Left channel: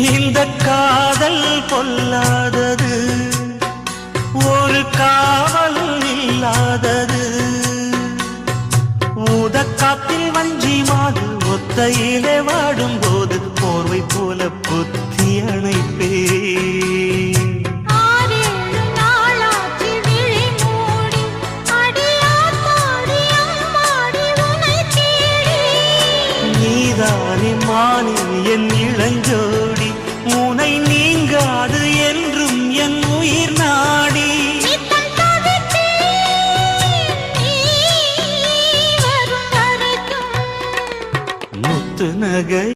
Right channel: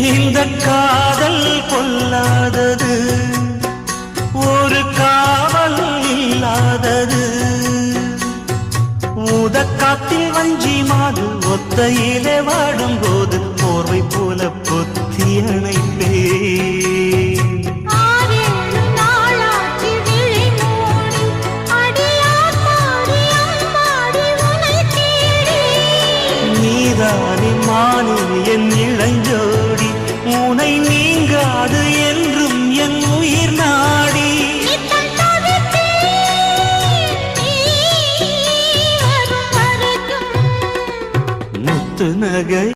இந்த காதல் பொல்லாதது, ஒரு காவல் இல்லாதது. ஊதக்காத்தில் வஞ்சி மாது ஒத்தையிலே வாடும்போது போர்வை போல பொத்தி அணைப்பே. நீதானே மானே என் இளஞ்சோடி, உனை நீங்காது என்றும் என் உயிர் நாடி. முத்து நகை